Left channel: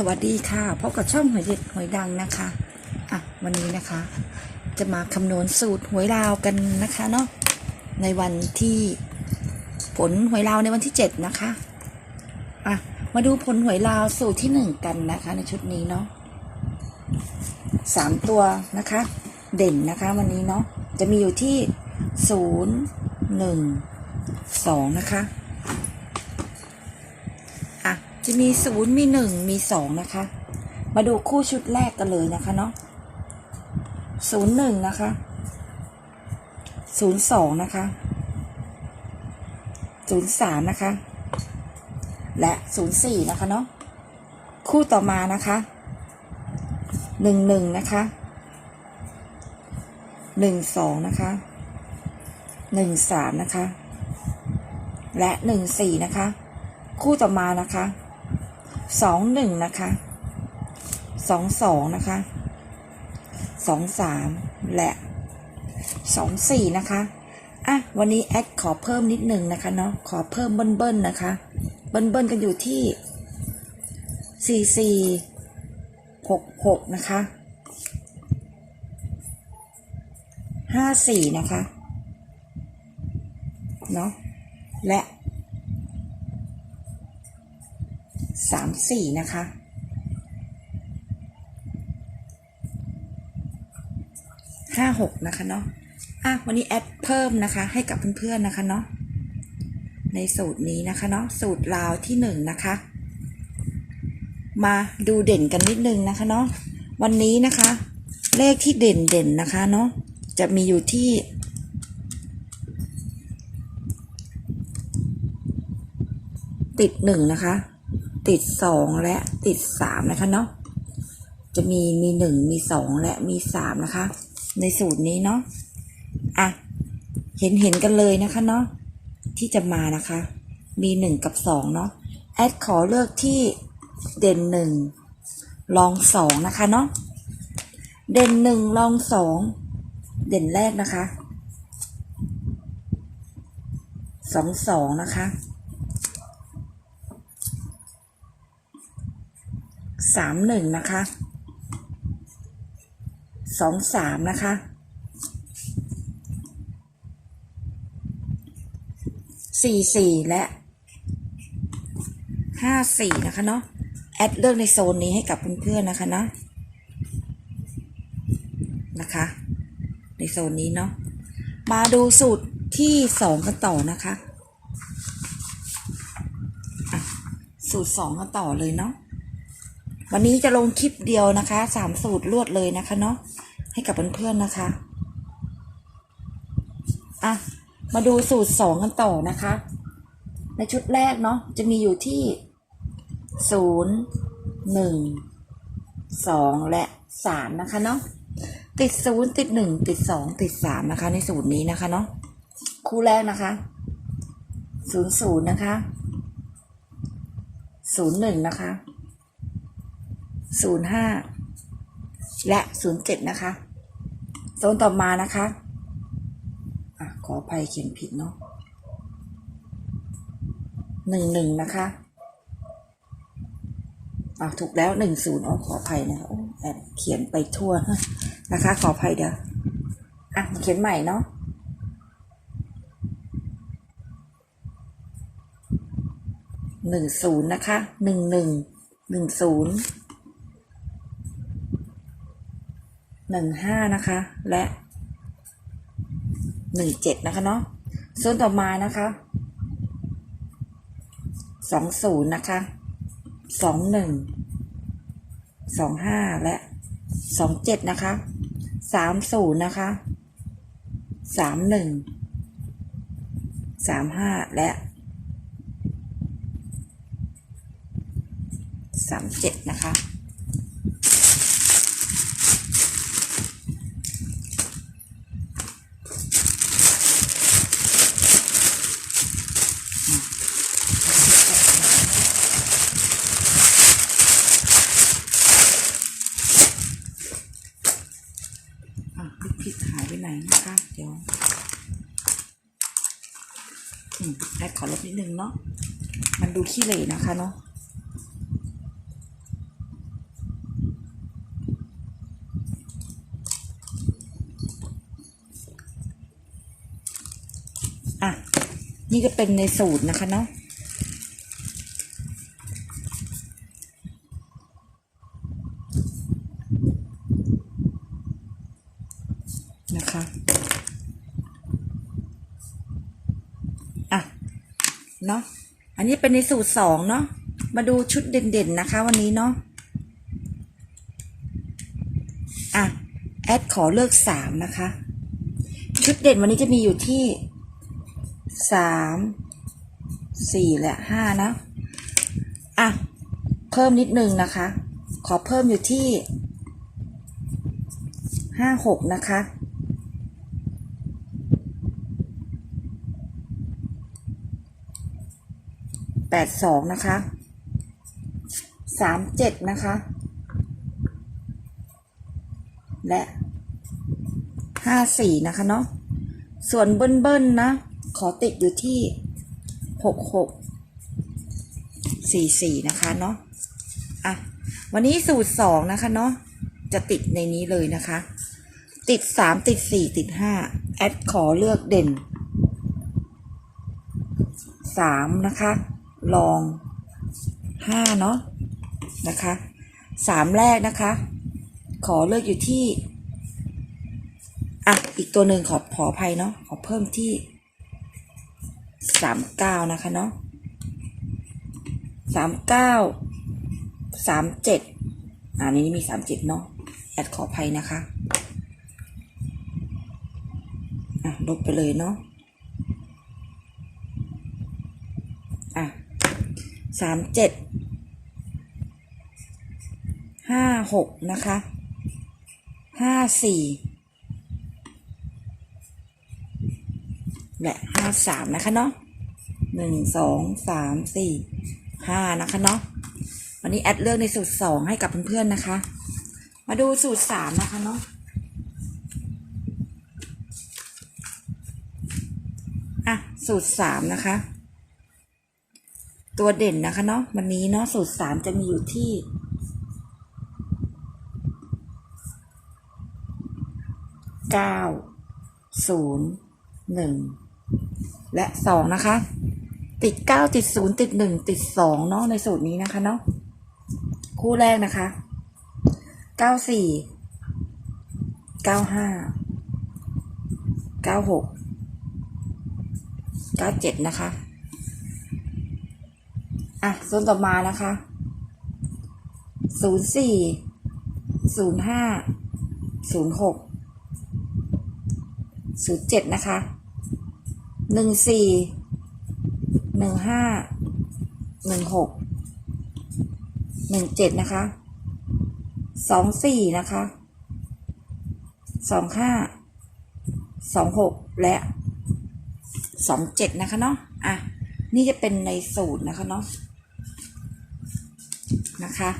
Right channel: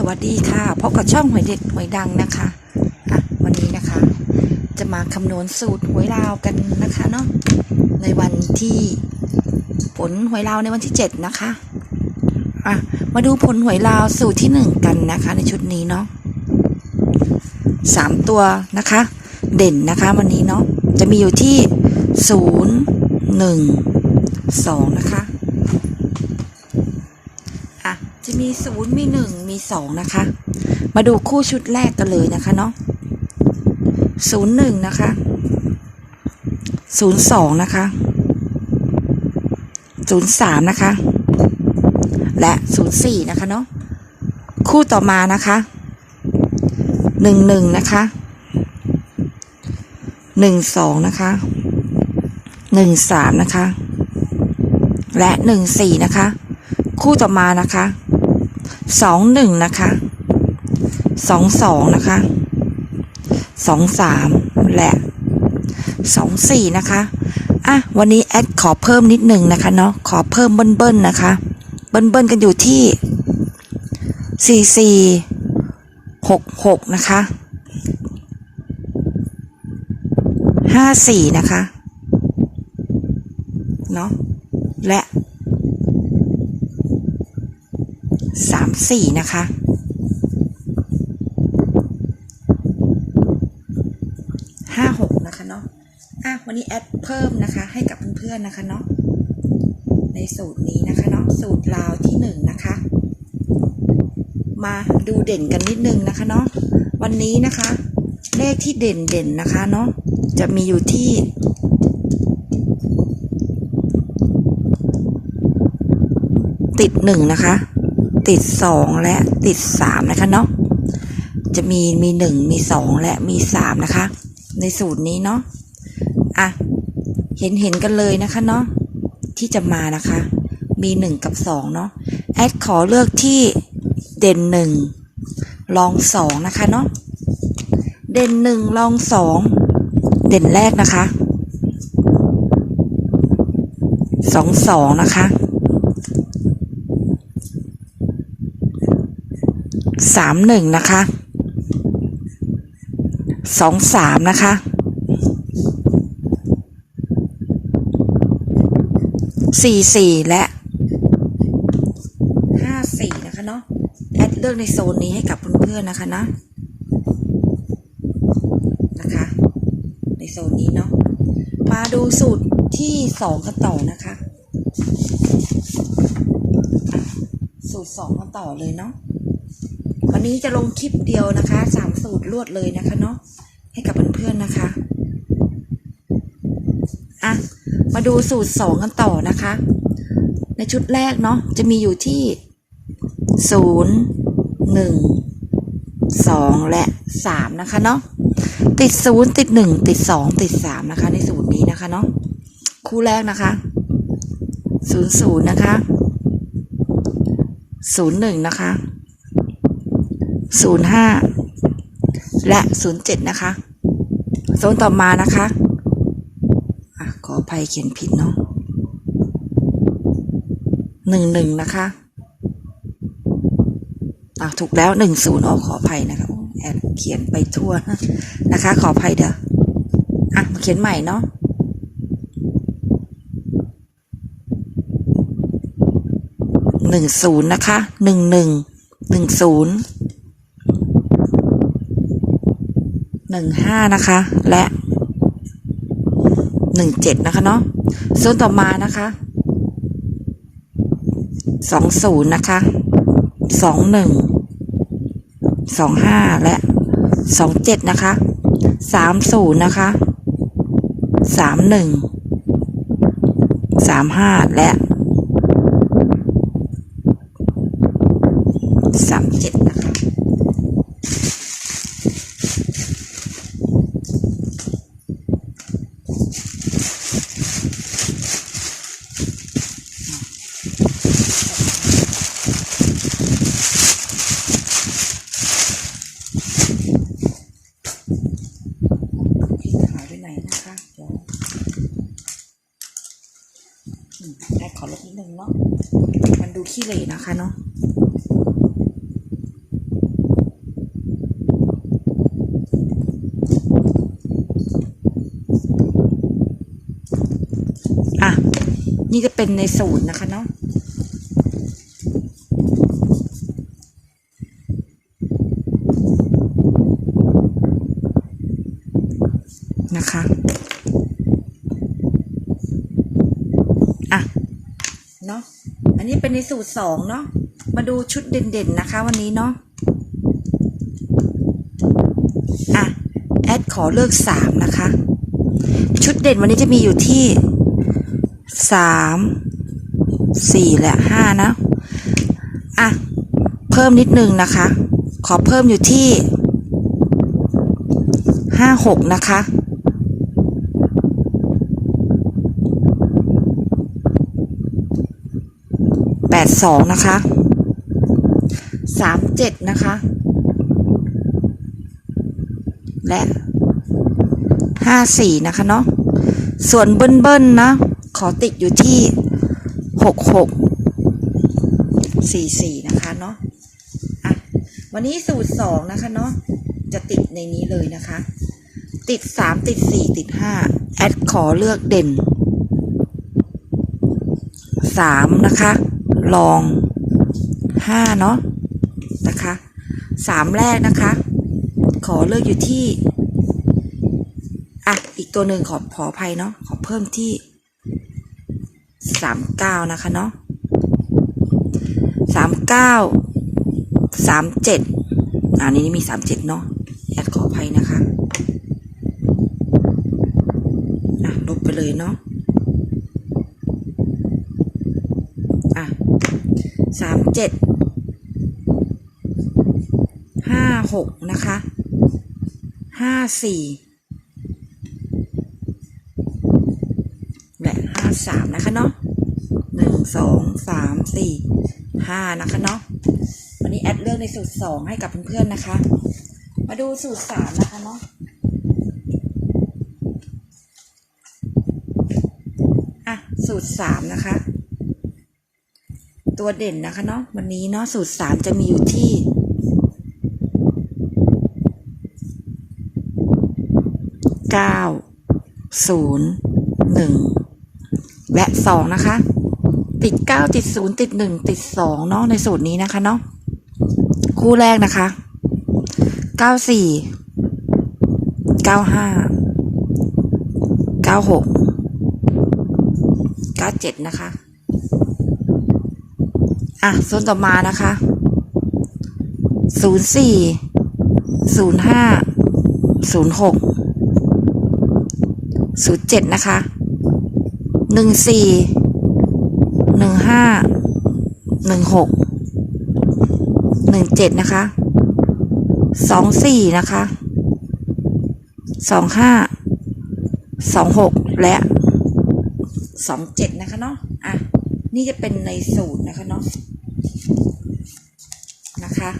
สวัสดีค่ะพบกับช่องหวยเด็ดหวยดังนะคะอะวันนี้นะคะ จะมาคำนวณสูตรหวยลาวกันนะคะเนาะในวันที่ผลหวยลาวในวันที่ 7 นะคะอะมาดูผลหวยลาวสูตรที่ 1 กันนะคะ ในชุดนี้เนาะสามตัวนะคะ เด่นนะคะวันนี้เนาะจะมีอยู่ที่ 0 1 2 นะคะอะ จะมีศูนย์มีหนึ่งมีสองนะคะ มาดูคู่ชุดแรกกันเลยนะคะเนาะศูนย์หนึ่งนะคะศูนย์สองนะคะศูนย์สามนะคะ และศูนย์สี่นะคะเนาะคู่ต่อมานะคะหนึ่งหนึ่งนะคะหนึ่งสองนะคะหนึ่งสามนะคะ และหนึ่งสี่นะคะ คู่ต่อมานะคะ สองหนึ่งนะคะสองสองนะคะสองสามและสองสี่นะคะอะวันนี้แอดขอเพิ่มนิดหนึ่งนะคะเนาะขอเพิ่มเบิ้ลเบิ้ลนะคะ เบิ้ลเบิ้ลกันอยู่ที่สี่สี่หกหกนะคะห้าสี่นะคะเนาะและ สามสี่นะคะ ห้าหกนะคะเนาะ อะ วันนี้แอดเพิ่มนะคะ ให้กับเพื่อนๆนะคะเนาะ ในสูตรนี้นะคะเนาะ สูตรลาวที่หนึ่งนะคะ มาดูเด่นกันนิดนึงนะคะเนาะ วันนี้นะคะ เลขที่เด่นเด่นนะคะเนาะ จะมีอยู่ที่ติดหนึ่งนะคะ ติดสองและติดสามนะคะเนาะจะมีมีหนึ่งมีสองและมีสามนะคะ ในสูตรนี้เนาะอะเห็นเห็นกันเลยนะคะเนาะที่จะมานะคะ มีหนึ่งกับสองเนาะแอดขอเลือกที่เด่นหนึ่งลองสองนะคะเนาะเด่นหนึ่งลองสองเด่นแรกนะคะสองสองนะคะ สามหนึ่งนะคะสองสามนะคะสี่สี่และห้าสี่นะคะเนาะแอดเลือกในโซนนี้ให้กับเพื่อนๆนะคะเนาะนะคะ ในโซนนี้เนาะมาดูสูตรที่สองกันต่อนะคะ สูตรสองกันต่อเลยเนาะ วันนี้จะลงคลิปเดียวนะคะสามสูตรรวดเลยนะคะเนาะให้กับเพื่อนๆนะคะอะมาดูสูตรสองกันต่อนะคะ ในชุดแรกเนาะจะมีอยู่ที่ศูนย์หนึ่งสองและสามนะคะเนาะติดศูนย์ติดหนึ่งติดสองติดสามนะคะ ในสูตรนี้นะคะเนาะคู่แรกนะคะศูนย์ศูนย์นะคะศูนย์หนึ่งนะคะ ศูนย์ห้าและศูนย์เจ็ดนะคะโซนต่อมานะคะอะขออภัยเขียนผิดเนาะหนึ่งหนึ่งนะคะอะถูกแล้วหนึ่งศูนย์ออกขออภัยนะคะแอบเขียนไปทั่วนะคะ ขออภัยเดี๋ยวอะมาเขียนใหม่เนาะหนึ่งศูนย์นะคะหนึ่งหนึ่งหนึ่งศูนย์ หนึ่งห้านะคะ และหนึ่งเจ็ดนะคะเนาะส่วนต่อมานะคะสองศูนย์นะคะสองหนึ่งสองห้าและสองเจ็ดนะคะสามศูนย์นะคะสามหนึ่งสามห้าและ แอดขอลบนิดนึงเนาะ มันดูขี้เหร่นะคะเนาะอะ นี่จะเป็นในสูตรนะคะเนาะนะคะ เนาะอันนี้เป็นในสูตรสองเนาะมาดูชุดเด่นๆนะคะ วันนี้เนาะอะแอดขอเลือกสามนะคะ ชุดเด่นวันนี้จะมีอยู่ที่สามสี่และห้านะอะเพิ่มนิดนึงนะคะ ขอเพิ่มอยู่ที่ห้าหกนะคะ แป ดสองนะคะสามเจ็ดนะคะ และห้าสี่นะคะเนาะส่วนเบิ้ลเบิ้ลนะ ขอติดอยู่ที่หกหกสี่สี่นะคะเนาะอะวันนี้สูตรสองนะคะเนาะจะติดในนี้เลยนะคะ ติดสามติดสี่ติดห้าแอดขอเลือกเด่นสามนะคะ ลองห้าเนาะนะคะสามแรกนะคะ ขอเลือกอยู่ที่อะอีกตัวหนึ่งขอขออภัยเนาะขอเพิ่มที่สามเก้านะคะเนาะสามเก้าสามเจ็ดอันนี้มีสามเจ็ดเนาะแอดขออภัยนะคะ อะลบไปเลยเนาะอะ สามเจ็ดห้าหกนะคะห้าสี่และห้าสามนะคะเนาะหนึ่งสองสามสี่ห้านะคะเนาะวันนี้แอดเลือกในสูตรสองให้กับเพื่อนๆนะคะ มาดูสูตรสามนะคะเนาะอะสูตรสามนะคะ ตัวเด่นนะคะเนาะวันนี้เนาะสูตรสามจะมีอยู่ที่เก้าศูนย์หนึ่งและสองนะคะ ติดเก้าติดศูนย์ติดหนึ่งติดสองเนาะในสูตรนี้นะคะเนาะคู่แรกนะคะเก้าสี่เก้าห้าเก้าหกเก้าเจ็ดนะคะ อะส่วนต่อมานะคะศูนย์สี่ศูนย์ห้าศูนย์หกศูนย์เจ็ดนะคะหนึ่งสี่หนึ่งห้าหนึ่งหกหนึ่งเจ็ดนะคะสองสี่นะคะสองห้าสองหกและสองเจ็ดนะคะเนาะอะ นี่จะเป็นในสูตรนะคะเนาะนะคะ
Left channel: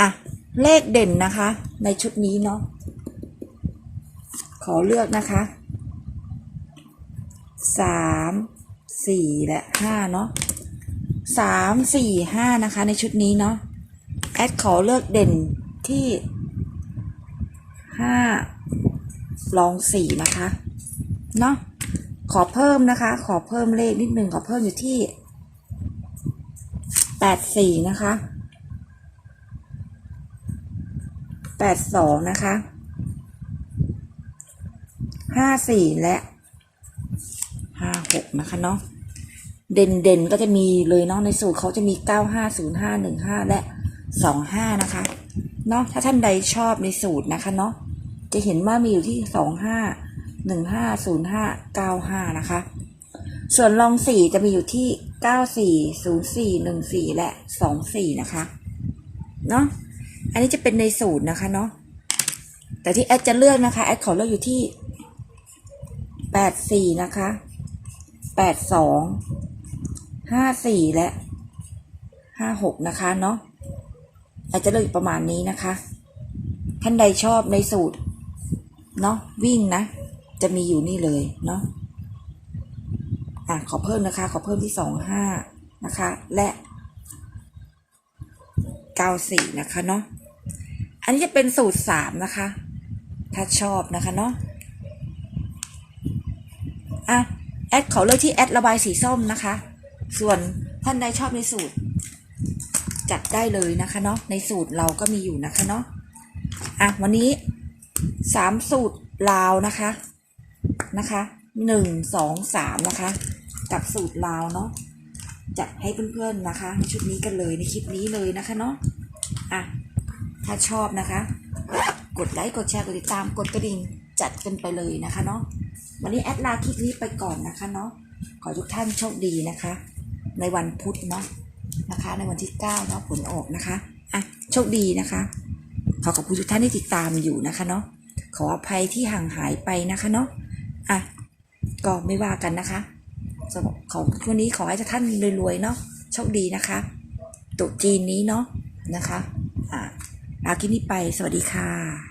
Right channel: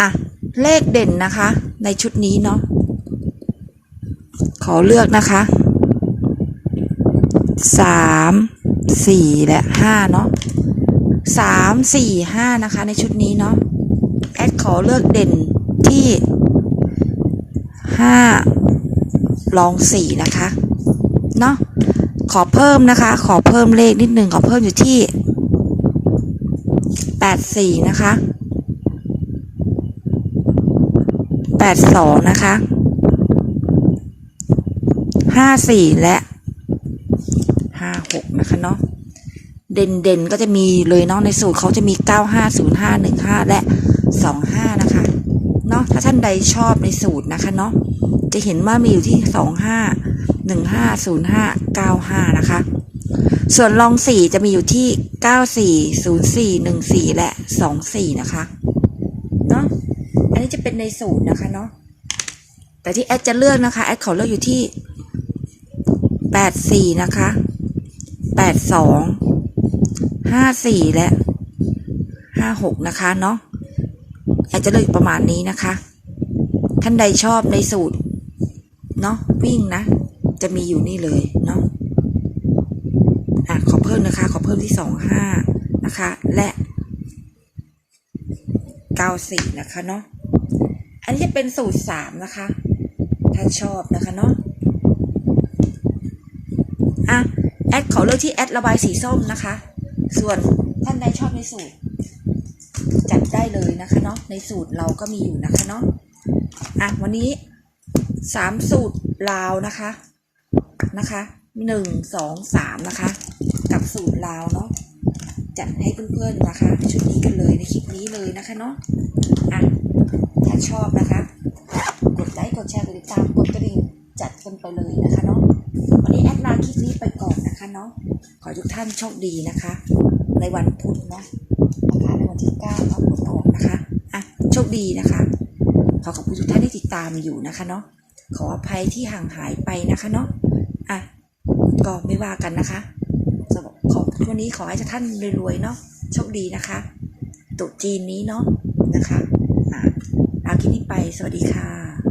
อะ เลขเด่นนะคะ ในชุดนี้เนาะขอเลือกนะคะสามสี่และห้าเนาะสามสี่ห้านะคะ ในชุดนี้เนาะแอดขอเลือกเด่นที่ห้า ลองสี่นะคะเนาะขอเพิ่มนะคะ ขอเพิ่มเลขนิดหนึ่งขอเพิ่มอยู่ที่แปดสี่นะคะแปดสองนะคะห้าสี่และห้าหกนะคะเนาะเด่นเด่นก็จะมีเลยเนาะในสูตรเขาจะมีเก้าห้าศูนย์ห้าหนึ่งห้าและสองห้านะคะเนาะถ้าท่านใดชอบในสูตรนะคะเนาะ จะเห็นว่ามีอยู่ที่สองห้าหนึ่งห้าศูนย์ห้าเก้าห้านะคะ ส่วนลองสี่จะมีอยู่ที่เก้าสี่ศูนย์สี่หนึ่งสี่และสองสี่นะคะ เนาะอันนี้จะเป็นในสูตรนะคะเนาะ แต่ที่แอดจะเลือกนะคะ แอดขอเลือกอยู่ที่แปดสี่นะคะแปดสองห้าสี่และห้าหกนะคะเนาะแอดจะเลือกประมาณนี้นะคะ ท่านใดชอบในสูตร เนาะวิ่งนะ จะมีอยู่นี่เลยเนาะอะขอเพิ่มนะคะ ขอเพิ่มที่สองห้านะคะ และเก้าสี่นะคะเนาะอันนี้จะเป็นสูตรสามนะคะถ้านชอบนะคะเนาะอะแอดขอเลือกที่แอดระบายสีส้มนะคะ ส่วนท่านใดชอบในสูตร จัดได้เลยนะคะเนาะในสูตรเราก็มีอยู่นะคะเนาะ อะวันนี้สามสูตรลาวนะคะนะคะหนึ่งสองสามนะคะ กับสูตรลาวเนาะจัดให้เพื่อนๆนะคะ ชุดนี้กันเลยในคลิปนี้เลยนะคะเนาะอะถ้าชอบนะคะ กดไลค์กดแชร์กดติดตามกดกระดิ่งจัดกันไปเลยนะคะเนาะวันนี้แอดลาคลิปนี้ไปก่อนนะคะเนาะขอทุกท่านโชคดีนะคะ ในวันพุธเนาะนะคะในวันที่9เนาะผลออกนะคะอะโชคดีนะคะ ขอขอบคุณทุกท่านที่ติดตามอยู่นะคะเนาะขออภัยที่ห่างหายไปนะคะเนาะอะก็ไม่ว่ากันนะคะสำหรับขอวันนี้ขอให้ท่านรวยๆเนาะโชคดีนะคะตุจีนนี้เนาะนะคะอะอาคินี้ไปสวัสดีค่ะ